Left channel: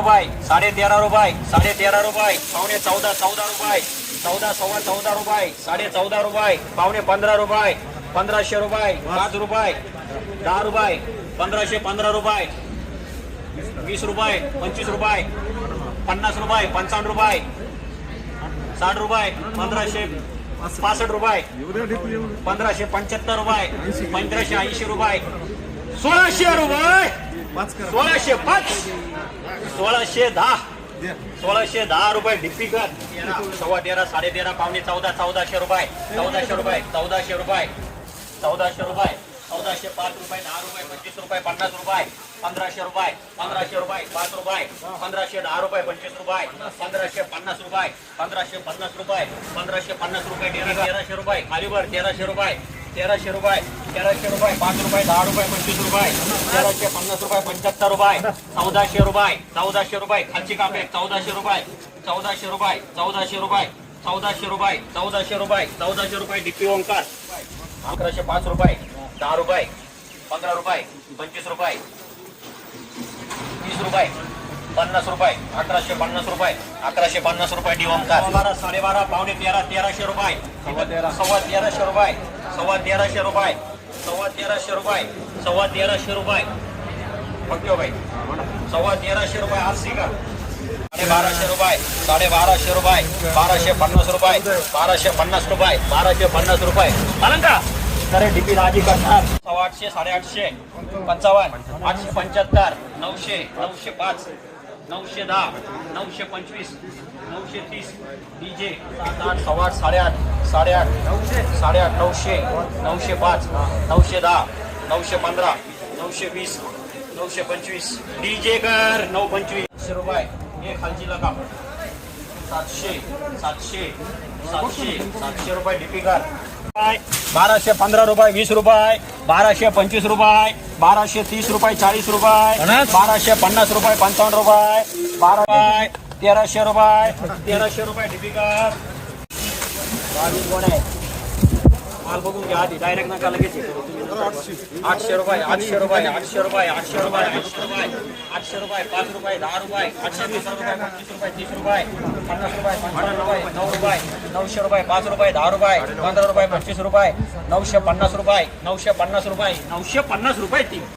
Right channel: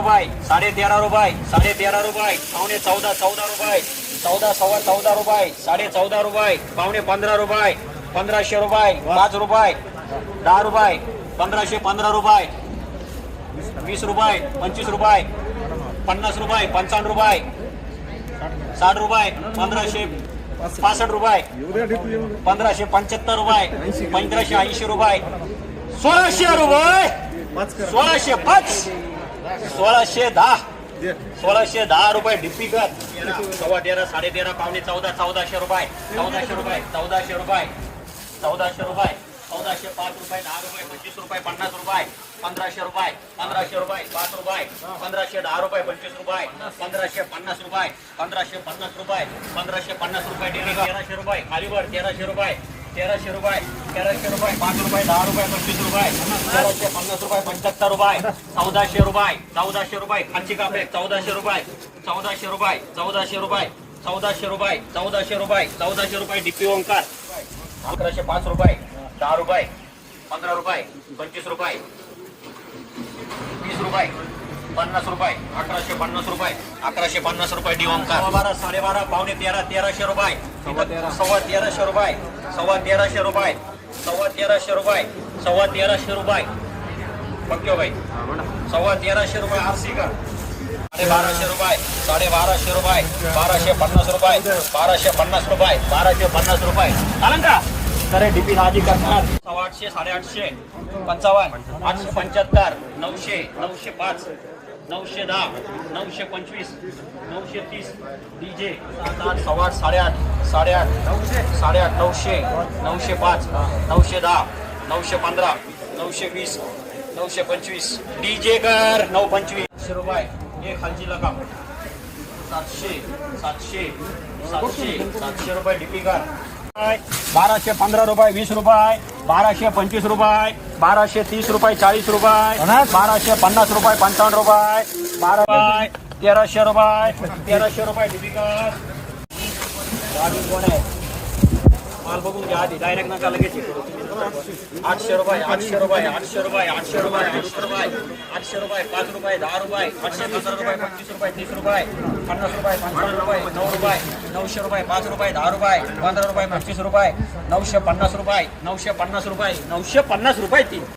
रुपये 13.5 रुपये 13.5 रुपये पावणे 14 रुपये 14 रुपये 14.5 रुपये पावणे 15 रुपये 1500 रुपये 5 रुपये 10 रुपये 1515 रुपये 20 रुपये 25 रुपये 50 रुपये 55 रुपये 60 रुपये 1565 रुपये 1575 रुपये 1580 रुपये 1600 रुपये 1605 1610 1610 रुपये डिप्पी कर 13.5 13.5 पावणे 14 रुपये 1400 रुपये 1400 रुपये 1400 रुपये 1405 रुपये 10 रुपये 25 रुपये 50 रुपये 1500 रुपये 1500 रुपये 5 रुपये 1510 रुपये 25 रुपये 1550 रुपये 1550 रुपये 1550 रुपये 1300 रुपये खालीवर 1300 रुपये 1300 रुपये 5 रुपये 10 रुपये 25 रुपये 1350 रुपये 75 रुपये 1400 रुपये खालची कापे 1400 रुपये 1400 रुपये 1400 रुपये डिप्पी ओंकार 1105 रुपये 10 रुपये 15 रुपये 25 रुपये 20 रुपये 50 रुपये 1150 रुपये 1150 रुपये डी ओंकार 12 12.5 पावणे 1300 रुपये 1300 रुपये 1300 रुपये 1300 रुपये पक्के भाई 1300 रुपये आरसी का 1200 रुपये 1250 रुपये 1250 रुपये 1250 रुपये 1250 रुपये आनंद का करे डीपी राजी करणार 800 850 55 875 900 905 910 925 930 डीजे 7 8 8 8 900 905 910 915 920 925 डीजे कर 925 रुपये एक खालची लगाम 700 रुपये डीपी कर 1215 रुपये 20 रुपये 1225 रुपये 1230 रुपये 40 रुपये 1250 रुपये 55 रुपये 12 रुपये 1300 रुपये डीपी कर माल बघून घ्या डायरेक्ट नका लगेच 800 रुपये 800 रुपये 800 रुपये 800 रुपये 800 रुपये 800 रुपये 5 रुपये 10 रुपये 820 रुपये 25 रुपये 30 रुपये 50 रुपये 55 रुपये 9 रुपये 900 रुपये 5 रुपये 10 रुपये 15 रुपये 25 रुपये 950 रुपये 950 रुपये 950 रुपये 3